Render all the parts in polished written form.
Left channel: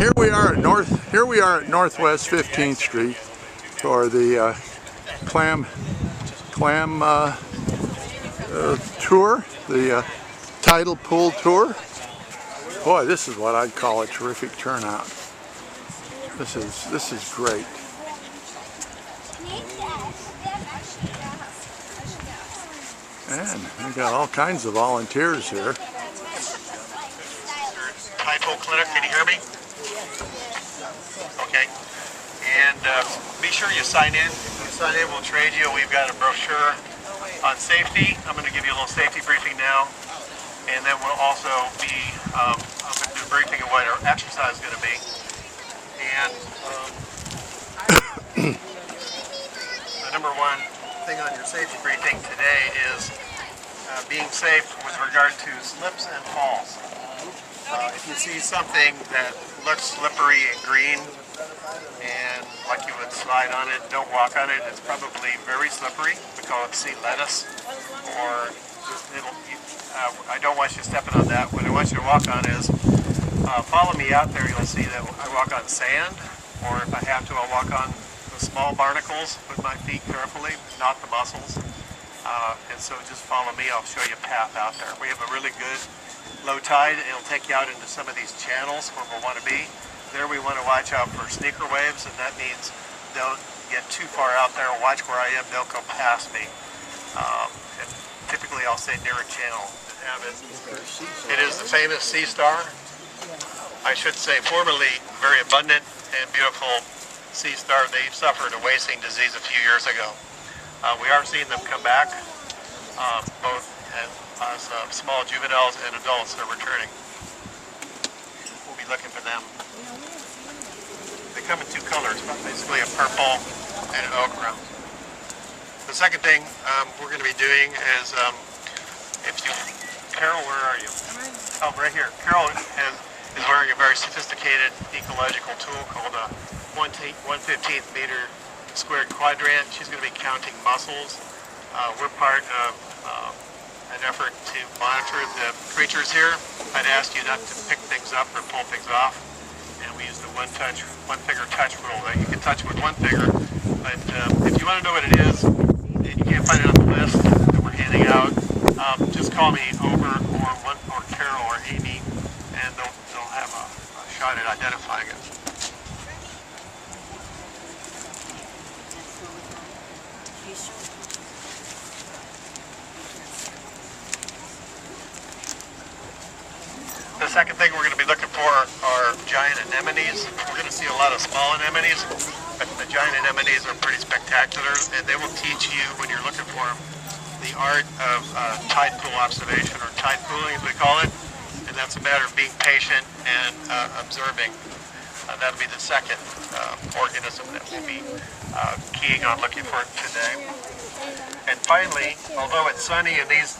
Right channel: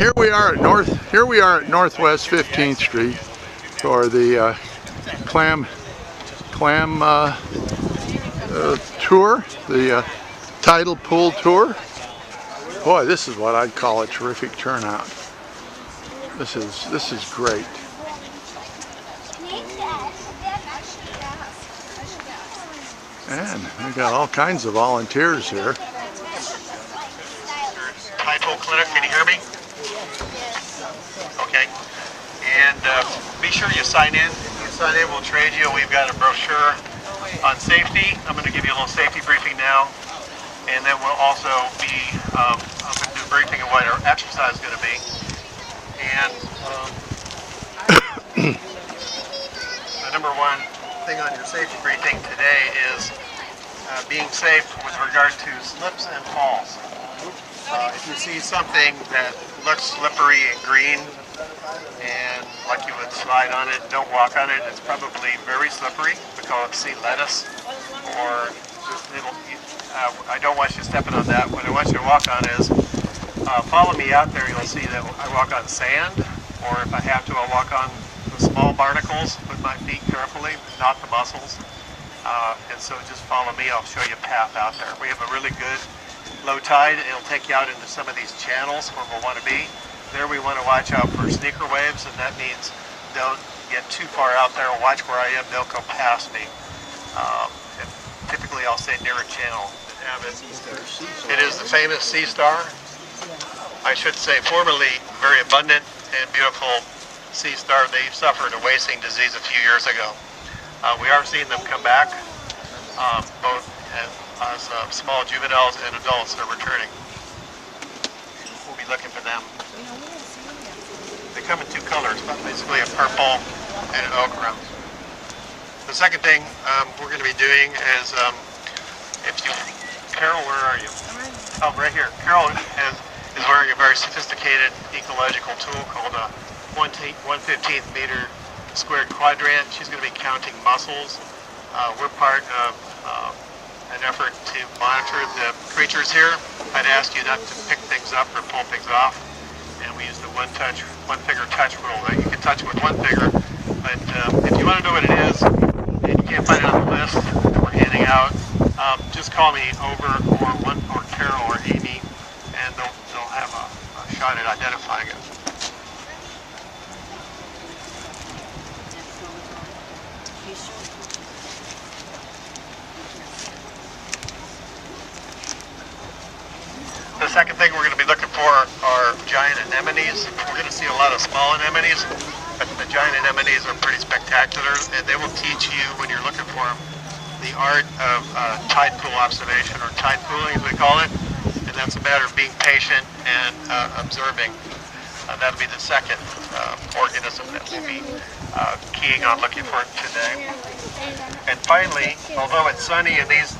Here we are at Northwest 15th Street for the clam tour, the tidal pool tour. Boy, this is what I'd call a terrific turnout. This is great. And we've got all kinds of volunteers here. Tide Pool Clinic, can you hear me? Okay. And be sure you sign in. If you sign in, we'll trade you. We've got a brochure on safety. I'm going to give you a little safety briefing now. And then we'll also be, I'm going to do a briefing of what our exercise is going to be. And the number one thing on your safety briefing today is being safe with regard to slips and falls. If you see something that looks slippery and green and like you would slide on it, don't walk on it. It's probably very slippery. We call it sea lettuce. Or I don't want you stepping on that. What I want you to walk on is, follow me out there. You'll see that I walk on sand, or if I have to, I'll walk on the small barnacles with my feet carefully, not the mussels. And so just follow me. I'll show you a path out there. We have a really good low tide. It'll take you out into some of these channels where we'll want to be. There we want to watch out for sneaker waves, and that means don't get too far out there. Watch where I am. Don't go past me. And typically I'll stay near a channel that have it. It is the famous Sea Star. I should say formerly very abundant and beautiful Sea Star. They suffered a wasting disease a few years ago. We are seeing them come back, both as small juveniles and adults that are returning. We'll be looking for them. They come in two colors, but basically a purple and an ochre. The second thing we're going to be doing is, Carol, where are you? Oh, right here. Carol is wearing a very sophisticated ecological tool called a 1/15th meter squared quadrant. She's going to be counting mussels. We're part of an effort to monitor the creatures here. I'd ask you not to pick things up or pull things off. And we use the one finger touch rule that you can touch with one finger. But if you want to know what it is and you can't find it on the list that we're handing out, just call me over or Carol or Amy, and they'll have a shot at identifying it. The second thing we're going to be looking for are giant anemones. We're going to see a lot of small anemones, but the giant anemones are pretty spectacular, and they will teach you, when you're looking for them, the art of tide pool observation, or tide pooling as we call it, and that's a matter of being patient and observing. That'll be the second organism that we'll be keying on looking for today. And finally, although it's sunny and these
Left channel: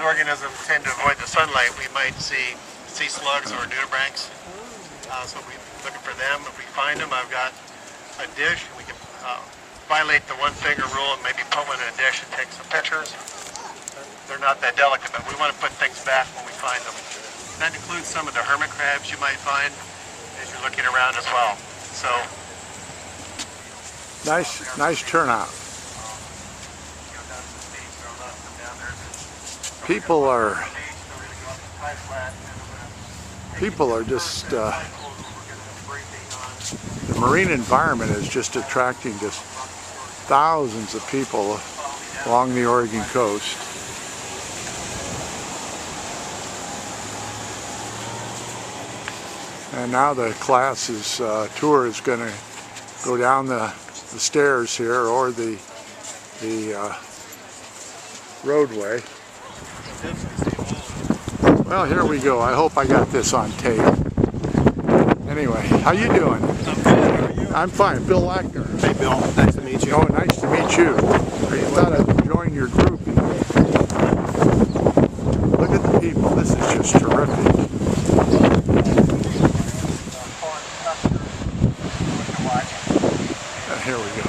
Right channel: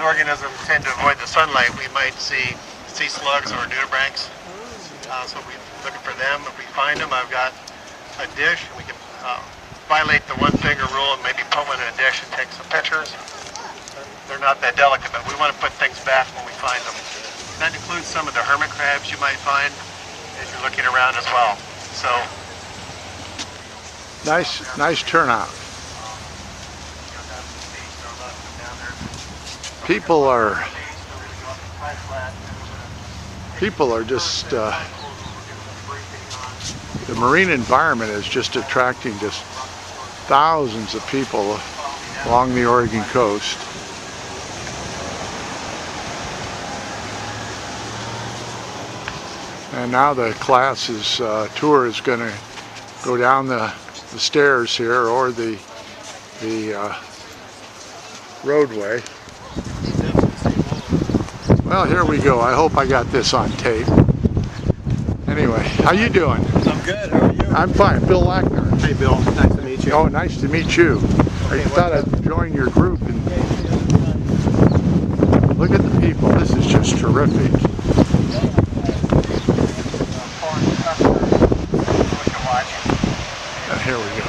organisms tend to avoid the sunlight, we might see sea slugs or nudibranchs. So we're looking for them. If we find them, I've got a dish. We can violate the one finger rule and maybe put one in a dish and take some pictures. They're not that delicate, but we want to put things back when we find them. That includes some of the hermit crabs you might find as you're looking around as well. So Nice turnout. People are just, the marine environment is just attracting just thousands of people along the Oregon coast. And now the class's tour is going to go down the stairs here, or the roadway. Well, here we go. I hope I got this on tape. Anyway, how you doing? I'm good. How are you? I'm fine. Bill Lackner. Hey, Bill. Nice to meet you. Oh, nice to meet you. I thought I'd join your group. Look at the people. This is just terrific. Here we go.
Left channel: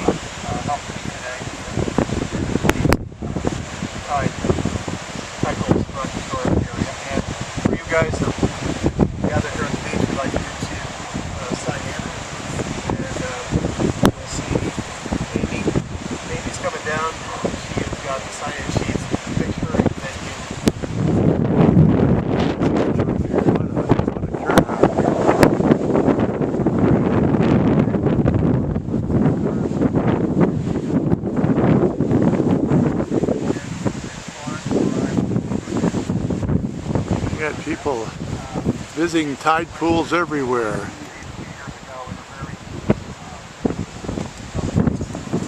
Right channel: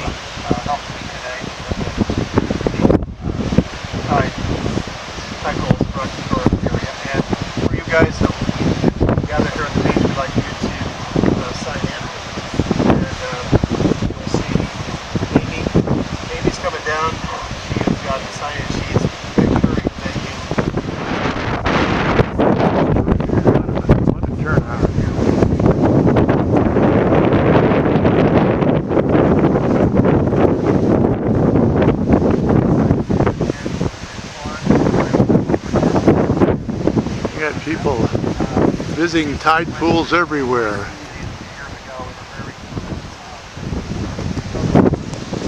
And for you guys that gather here on the beach, we'd like you to sign-in sheets, make sure that you What a turnout. You got people visiting tide pools everywhere.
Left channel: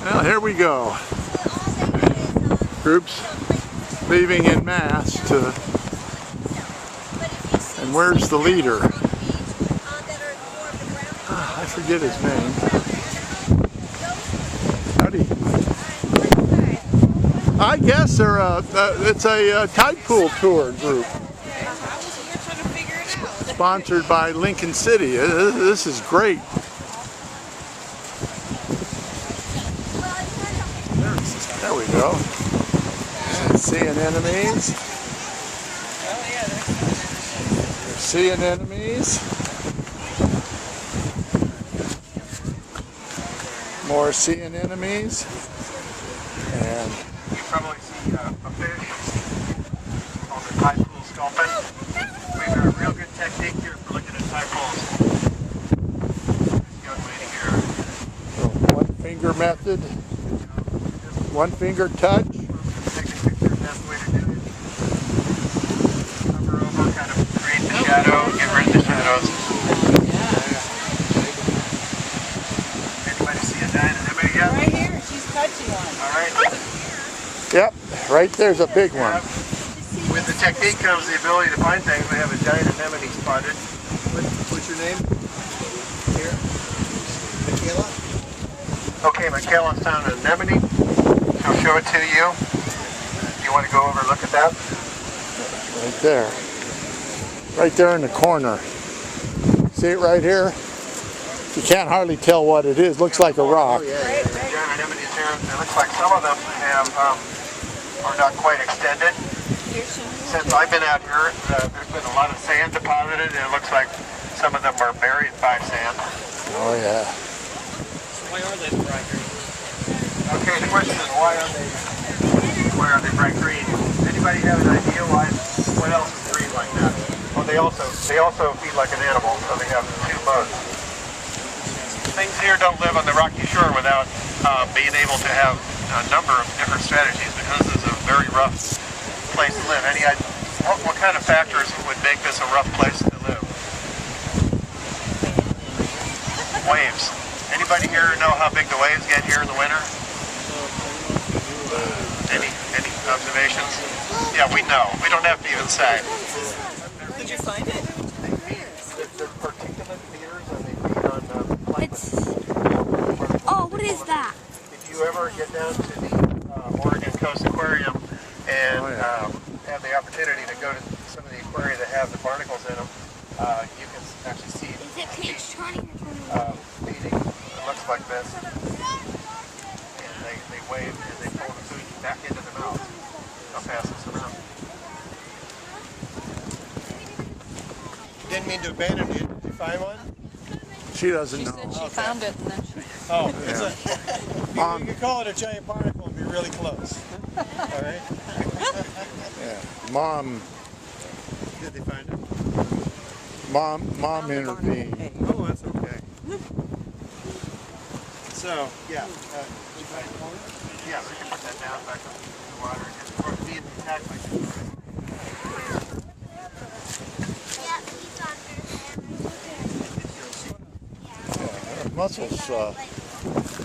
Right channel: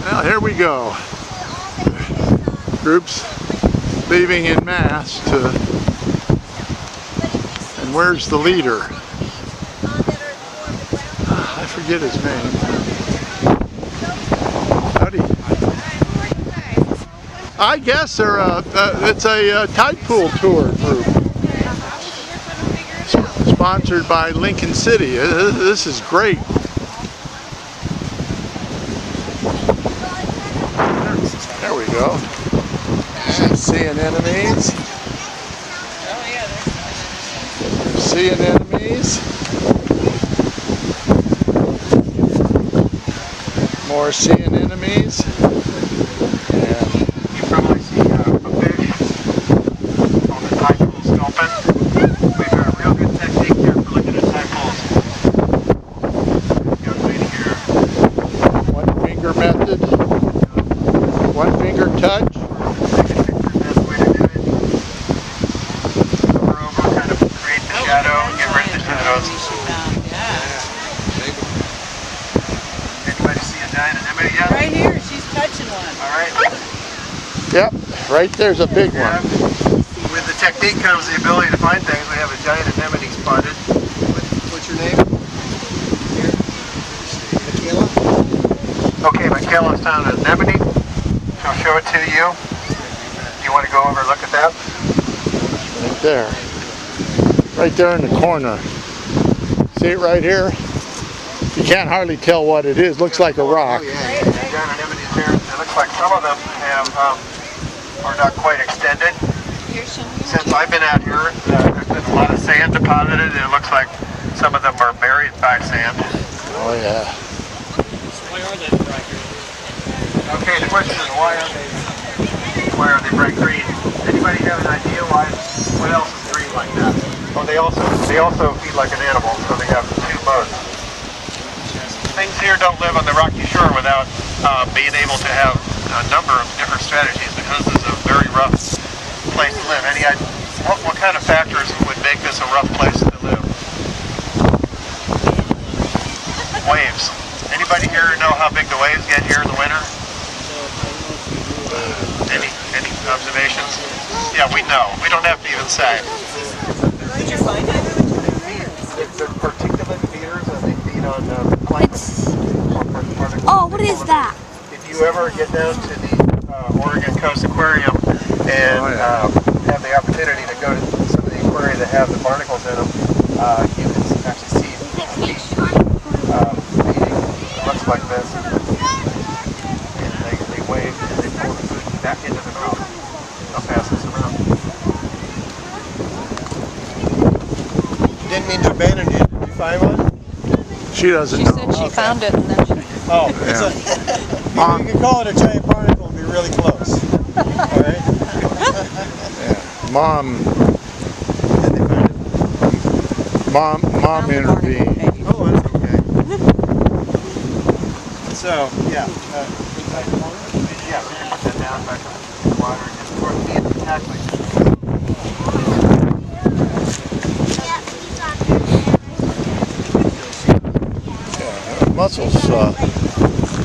Well, here we go. Groups leaving en masse to, and where's the leader? I forget his name. Howdy. I guess they're it's a tide pool tour group. Sponsored by Lincoln City. This is great. There we go. Seeing enemies. Seeing enemies. More seeing enemies. And you probably see a fish on the tide pool sculpin. We've got a real good technique here for looking at tide pools. Young lady here. one finger method. One finger touch. Take a picture, that's the way to do it. Cover over, kind of create the shadow, get rid of the shadows. Anybody see a giant anemone yet? Right here, she's touching one. Alright. Yep, right there's a big one. With the technique comes the ability to find things. We have a giant anemone spotted. What's your name? Here. Michaela? Okay, Michaela's found an anemone. She'll show it to you. You want to go over and look at that? Right there. Right there in the corner. See it right here? You can't hardly tell what it is. Looks like a rock. The giant anemones here. It looks like some of them have are not quite extended. Since I've been out here, there's been a lot of sand deposited, and it looks like some of them are buried by sand. Oh yeah. Okay, the question is why are they bright green? Anybody have an idea why? What else is green like that? Oh, they also feed like an animal, so they have two modes. Things here don't live on the rocky shore without being able to have a number of different strategies, because this is a very rough place to live. What kind of factors would make this a rough place to live? Waves. Anybody here know how big the waves get here in the winter? Any observations? Yeah, we know. We don't have to even say. Did you find it? They feed. They're particulate feeders, and they feed on plankton. Oh, what is that? If you ever get down to the Oregon Coast Aquarium and have the opportunity to go to some of the aquaria that have the barnacles in them, you can actually see feeding. It looks like this. And they wave and they pull the food back into their mouth. I'll pass this around. Didn't mean to abandon you. Did you find one? She doesn't She know. said she found it and then she... Oh, Yeah. you can call it a giant barnacle and be really close. All right. Mom Did they find it? Mom intervened. Oh, that's okay. So, yeah. Yeah, we can put that down back in the water and just pour the tackling.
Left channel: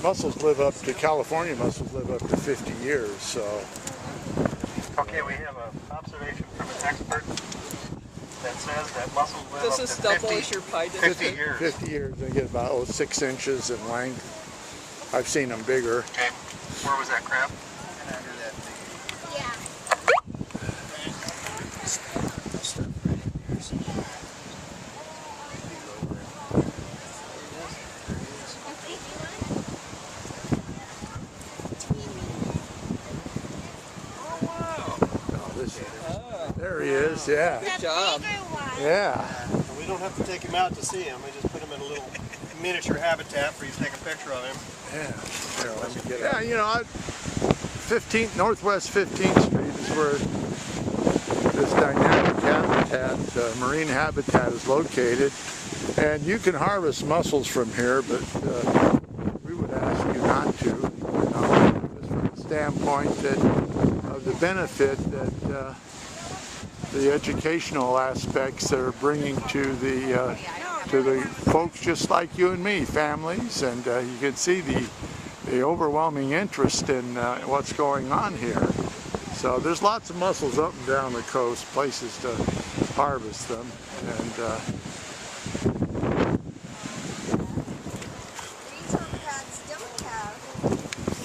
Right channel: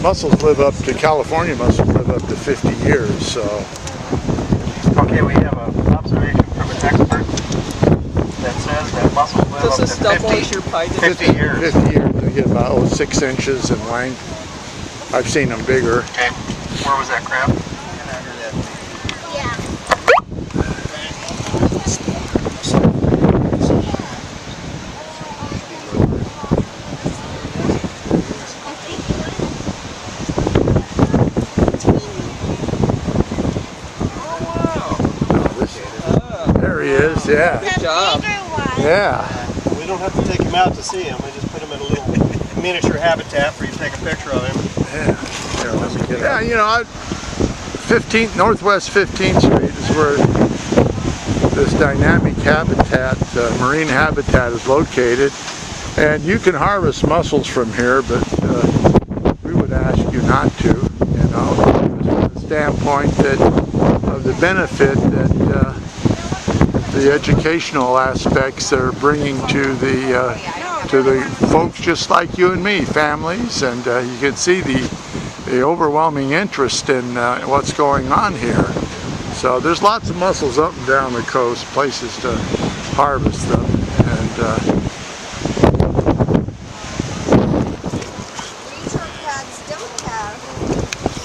Mussels live up to, California mussels live up to 50 years, so. Okay, we have an observation from an expert that says that mussels live Does up this to double as your pie? 50 years. 50 years, they get about 6 inches in length. I've seen them bigger. Okay, where was that crab? Yeah. There he is, yeah. Good job. Yeah. We don't have to take him out to see him. We just put him in a little miniature habitat for you to take a picture of him. Yeah. Here, let me get yeah, you know, 15th, Northwest 15th Street is where this dynamic habitat, marine habitat, is located. And you can harvest mussels from here, but we would ask you not to, you know, from the standpoint that of the benefit that the educational aspects they're bringing to the folks just like you and me, families, and you can see the overwhelming interest in what's going on here. So there's lots of mussels up and down the coast, places to harvest them, and Regional pads don't have.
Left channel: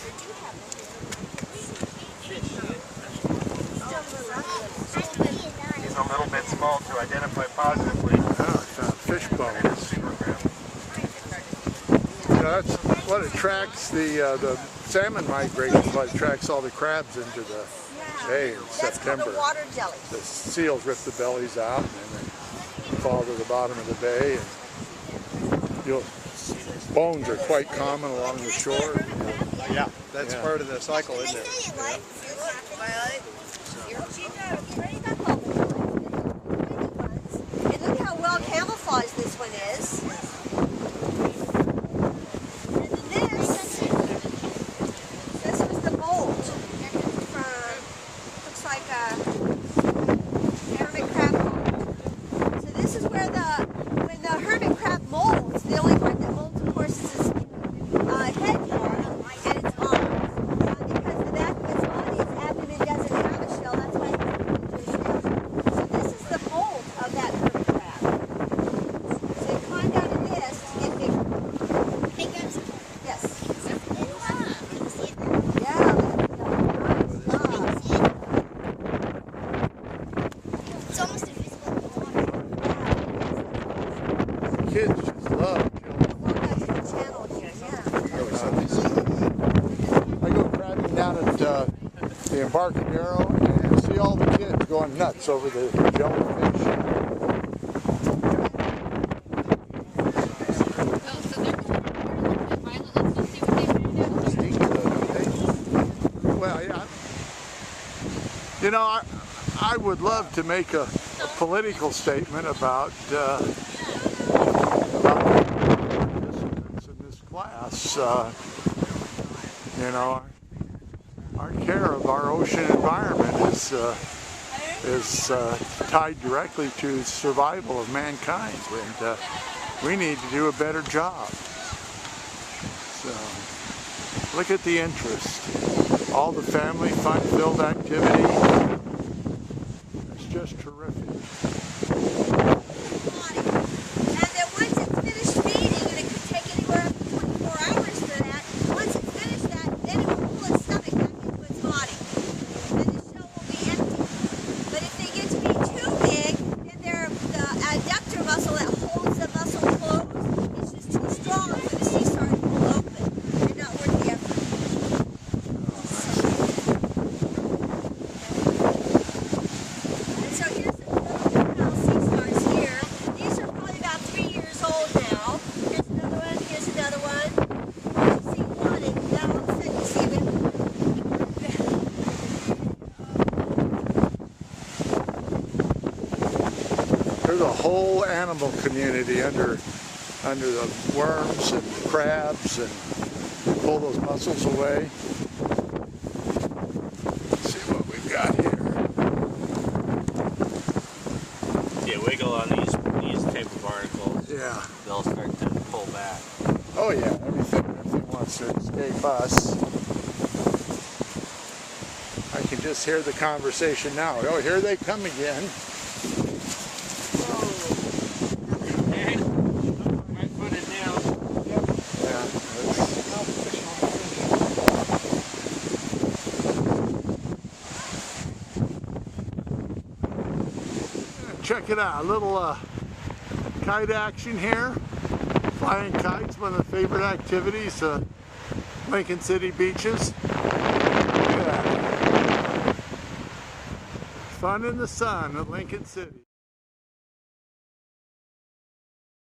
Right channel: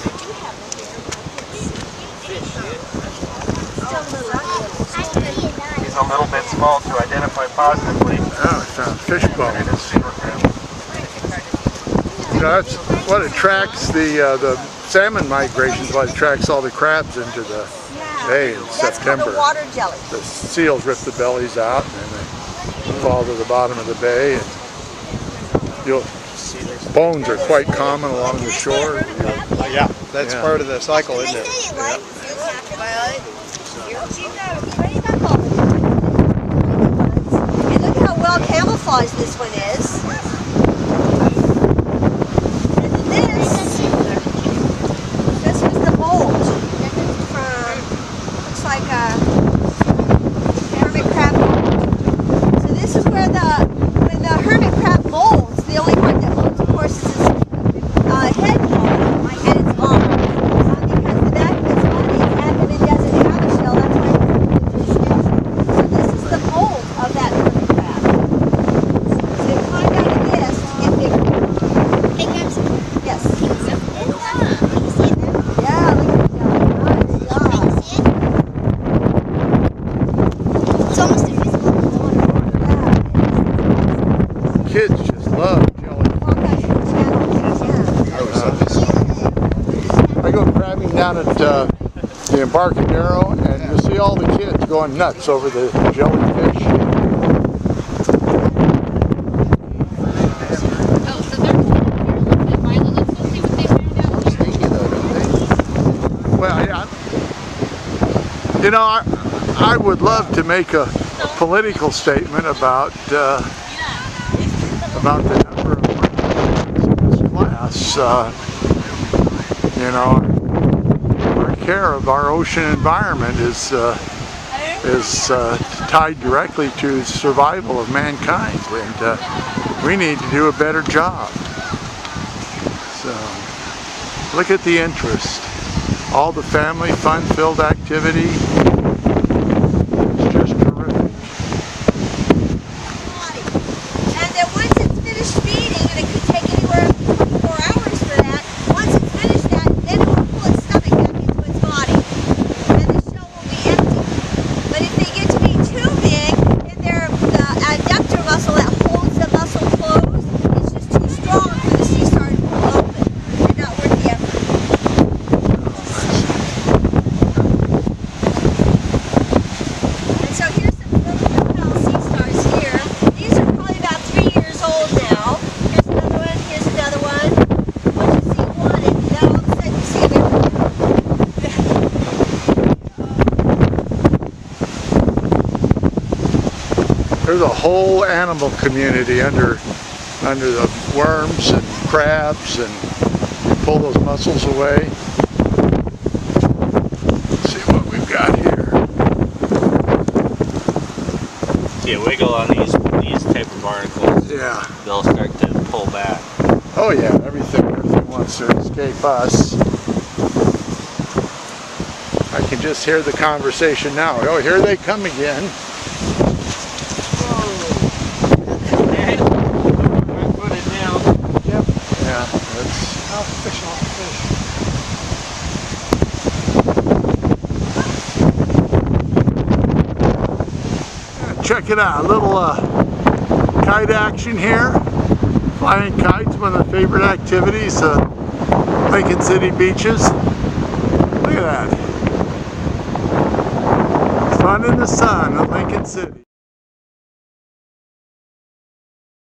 I do have them here. Still little. He's a little bit small to identify positively. oh, I found fish bones. You know, that's what attracts the salmon migration, what attracts all the crabs into the bay in That's September. called a water jelly. The seals rip the bellies out and then they fall to the bottom of the bay, and bones are quite common along the shore. Yeah, that's Yeah. part of the cycle, isn't They it? say it like and look how well camouflaged this one is. And then this was the mold from, looks like a hermit crab mold. So this is where when the hermit crab molds, the only part that molds, of course, is its head part and its arm. Because the back of its body, its abdomen doesn't have a shell, that's why it's a shell. So this is the mold of that hermit crab. So you climb out of this and get bigger. Yes. Yeah, look at that. Nice job. It's almost invisible in the water. Kids just love jellyfish. Walk out your channel. Yeah. I go crabbing down at the Embarcadero, and you'll see all the kids going nuts over the jellyfish. Oh, so they're pulling it here. Look at Milo. Let's go see what they found out. Well, yeah, you know, I would love to make a political statement about the number of participants in this class. You know, our care of our ocean environment is tied directly to survival of mankind, and we need to do a better job. So, look at the interest. All the family fun-filled activity. It's just terrific. And then once it's finished feeding, and it could take anywhere up to 24 hours for that, once it's finished that, then it will pull its stomach back into its body. And the shell will be empty. But if they get to be too big, then the adductor muscle that holds the muscle closed is just too strong for the sea star to pull open. And not worth the effort. And so here's some little juvenile sea stars here. These are probably about 3 years old now. Here's another one, here's another one. Once you see one, and then all of a sudden you see them everywhere. There's a whole animal community under the worms and crabs, and you pull those mussels away. Let's see what we've got here. See a wiggle on these type of barnacles, Yeah. they'll start to pull back. Oh yeah, everything wants to escape us. I can just hear the conversation now. Oh, here they come again. Put it down. Yeah. That's, Now fishing on the fish. check it out, a little kite action here. Flying kites, one of the favorite activities, Lincoln City beaches. Look at that. Fun in the sun at Lincoln City.